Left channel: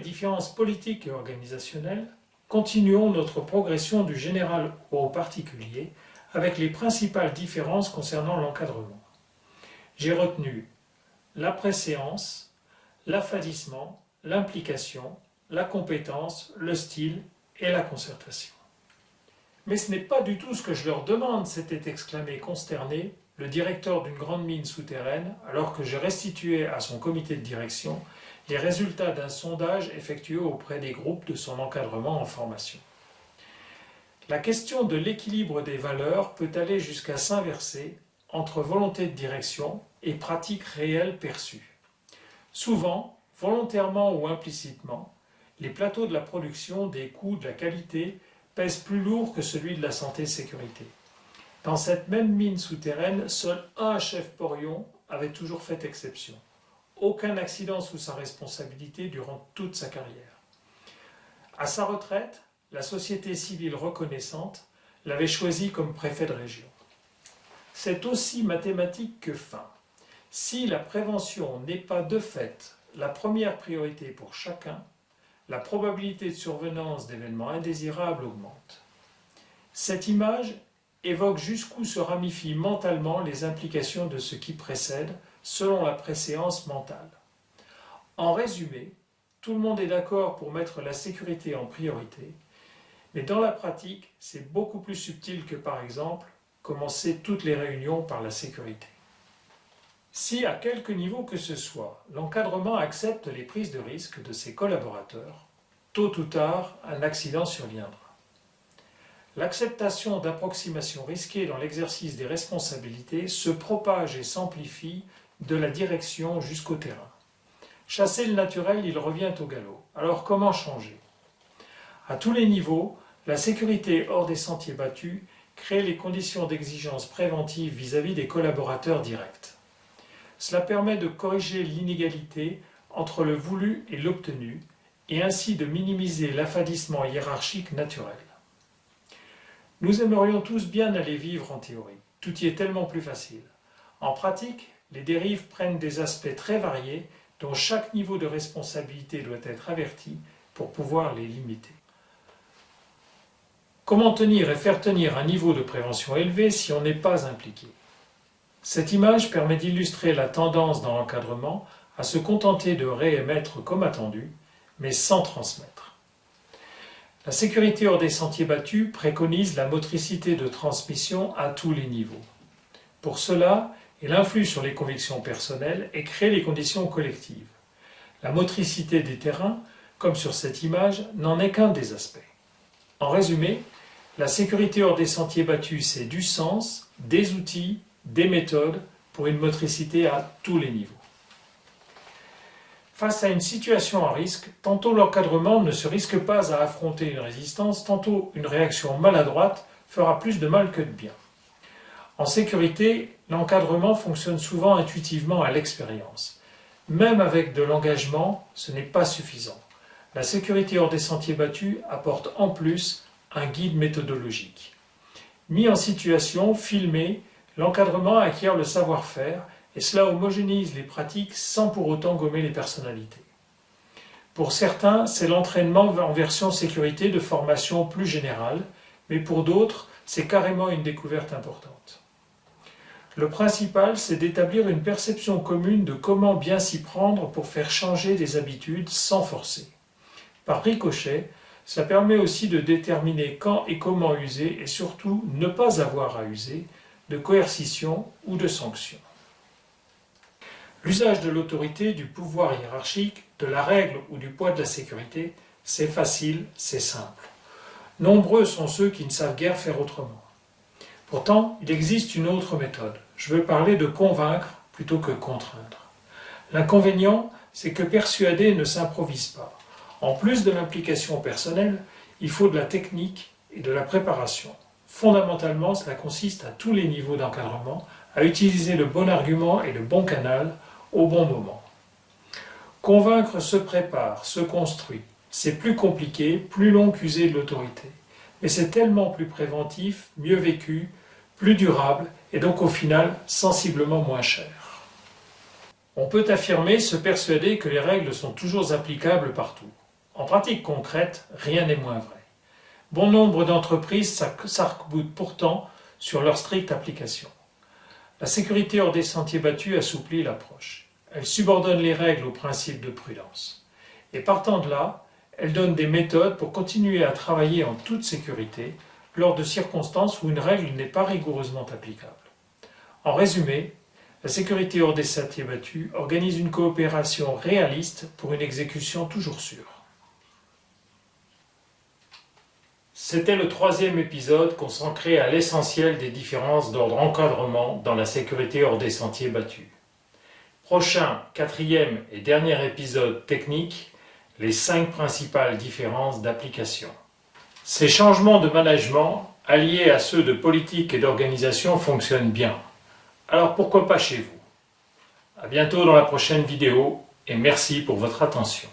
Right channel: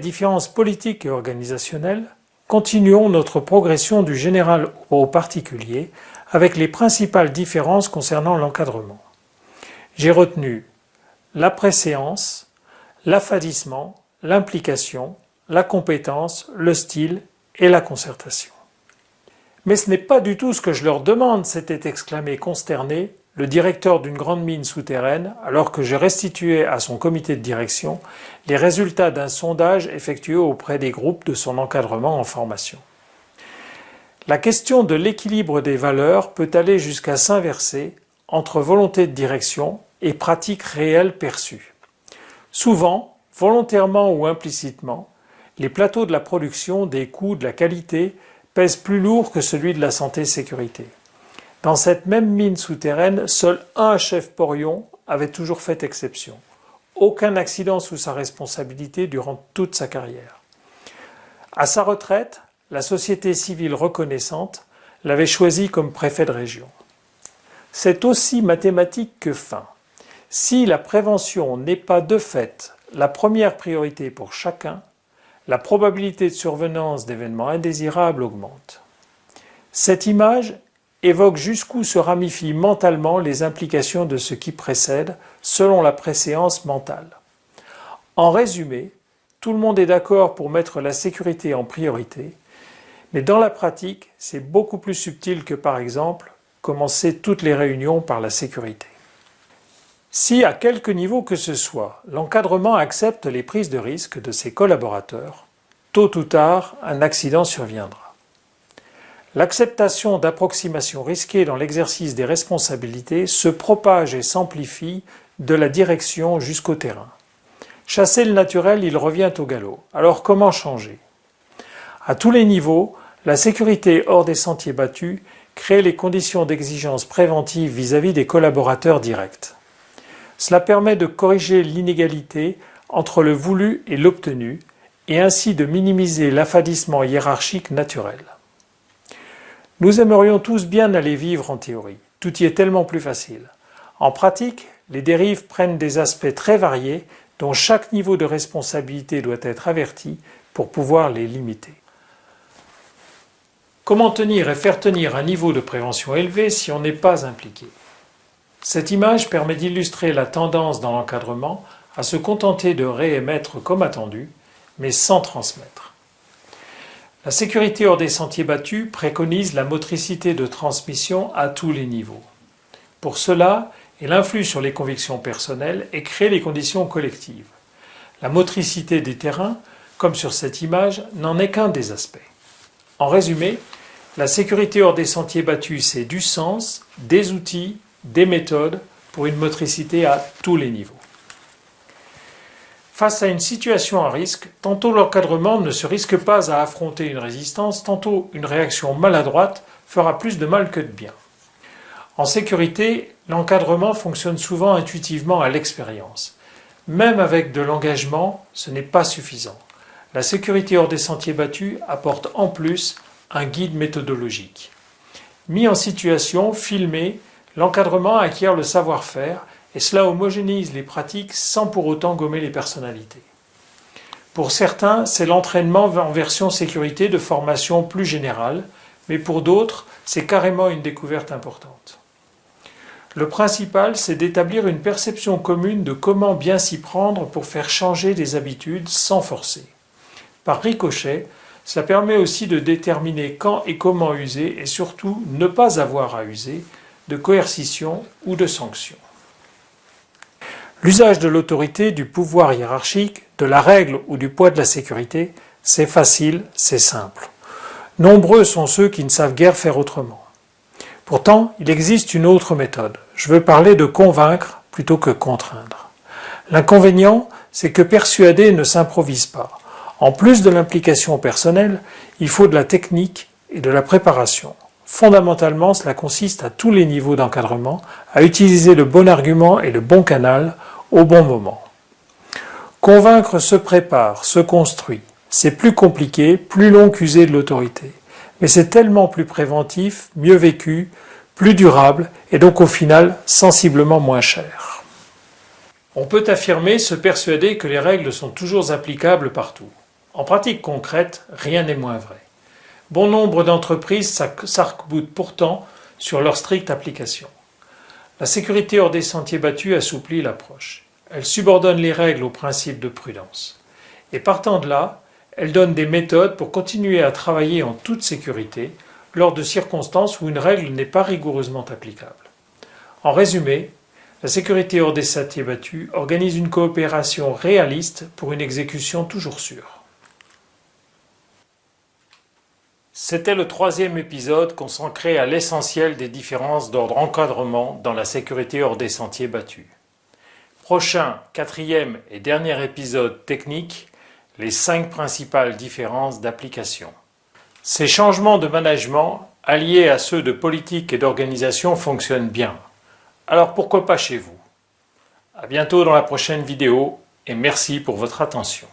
différences politiques et organisationnelles, continuons notre progression du général au particulier avec les principales différences concernant l'encadrement. J'ai retenu la préséance, l'affadissement, l'implication, la compétence, le style et la concertation. Mais ce n'est pas du tout ce que je leur demande, s'était exclamé consterné le directeur d'une grande mine souterraine alors que je restituais à son comité de direction les résultats d'un sondage effectué auprès des groupes de son encadrement en formation. La question de l'équilibre des valeurs peut aller jusqu'à s'inverser entre volonté de direction et pratiques réelles perçues. Souvent, volontairement ou implicitement, les plateaux de la production, des coûts, de la qualité pèsent plus lourd que celui de la santé-sécurité. Dans cette même mine souterraine, seul un chef porion avait toujours fait exception. Aucun accident sous sa responsabilité durant toute sa carrière. À sa retraite, la société civile reconnaissante l'avait choisi comme préfet de région. C'est aussi mathématique que fin. Si la prévention n'est pas de fait la première priorité pour chacun, la probabilité de survenance d'événements indésirables augmente. Cette image évoque jusqu'où se ramifient mentalement les implications de ce qui précède selon la préséance mentale. En résumé, tout le monde est d'accord pour mettre la sécurité en priorité, mais dans la pratique, c'est beaucoup plus subtil que par exemple commencer toutes les réunions par la sécurité. Si à quelque niveau que ce soit, l'encadrement accepte les prises de risque de ses collaborateurs, tôt ou tard, un accident surviendra. L'acceptation d'approximations risquées dans l'exercice des responsabilités se propage et s'amplifie de la direction jusqu'au terrain. Chasser le naturel, il revient au galop. Alors comment changer? À tous les niveaux, la sécurité hors des sentiers battus crée les conditions d'exigence préventive vis-à-vis des collaborateurs directs. Cela permet de corriger l'inégalité entre le voulu et l'obtenu et ainsi de minimiser l'affadissement hiérarchique naturel. Nous aimerions tous bien aller vivre en théorie, tout y est tellement plus facile. En pratique, les dérives prennent des aspects très variés dont chaque niveau de responsabilité doit être averti pour pouvoir les limiter. Comment tenir et faire tenir un niveau de prévention élevé si on n'est pas impliqué? Cette image permet d'illustrer la tendance dans l'encadrement à se contenter de réémettre comme attendu, mais sans transmettre. La sécurité hors des sentiers battus préconise la motricité de transmission à tous les niveaux. Pour cela, elle influe sur les convictions personnelles et crée les conditions collectives. La motricité des terrains, comme sur cette image, n'en est qu'un des aspects. En résumé, la sécurité hors des sentiers battus, c'est du sens, des outils, des méthodes pour une motricité à tous les niveaux. Face à une situation à risque, tantôt l'encadrement ne se risque pas à affronter une résistance, tantôt une réaction maladroite fera plus de mal que de bien. En sécurité, l'encadrement fonctionne souvent intuitivement à l'expérience. Même avec de l'engagement, ce n'est pas suffisant. La sécurité hors des sentiers battus apporte en plus un guide méthodologique. Mis en situation, filmé, l'encadrement acquiert le savoir-faire et cela homogénéise les pratiques sans pour autant gommer les personnalités. Pour certains, c'est l'entraînement en version sécurité de formation plus générale, mais pour d'autres, c'est carrément une découverte importante. Le principal, c'est d'établir une perception commune de comment bien s'y prendre pour faire changer des habitudes sans forcer. Par ricochet, cela permet aussi de déterminer quand et comment user et surtout ne pas avoir à user de coercition ou de sanction. L'usage de l'autorité, du pouvoir hiérarchique, de la règle ou du poids de la sécurité, c'est facile, c'est simple. Nombreux sont ceux qui ne savent guère faire autrement. Pourtant, il existe une autre méthode. Je veux parler de convaincre plutôt que contraindre. L'inconvénient, c'est que persuader ne s'improvise pas. En plus de l'implication personnelle, il faut de la technique et de la préparation. Fondamentalement, cela consiste à tous les niveaux d'encadrement à utiliser le bon argument et le bon canal au bon moment. Convaincre se prépare, se construit. C'est plus compliqué, plus long qu'user de l'autorité. Mais c'est tellement plus préventif, mieux vécu, plus durable et donc au final sensiblement moins cher. On peut affirmer, se persuader que les règles sont toujours applicables partout. En pratique concrète, rien n'est moins vrai. Bon nombre d'entreprises s'arc-boutent pourtant sur leur stricte application. La sécurité hors des sentiers battus assouplit l'approche. Elle subordonne les règles aux principes de prudence. Et partant de là, elle donne des méthodes pour continuer à travailler en toute sécurité lors de circonstances où une règle n'est pas rigoureusement applicable. En résumé, la sécurité hors des sentiers battus organise une coopération réaliste pour une exécution toujours sûre. C'était le 3e épisode consacré à l'essentiel des différences d'ordre encadrement dans la sécurité hors des sentiers battus. Prochain, 4e et dernier épisode technique, les 5 principales différences d'application. Ces changements de management, alliés à ceux de politique et d'organisation, fonctionnent bien. Alors pourquoi pas chez vous? À bientôt dans la prochaine vidéo et merci pour votre attention.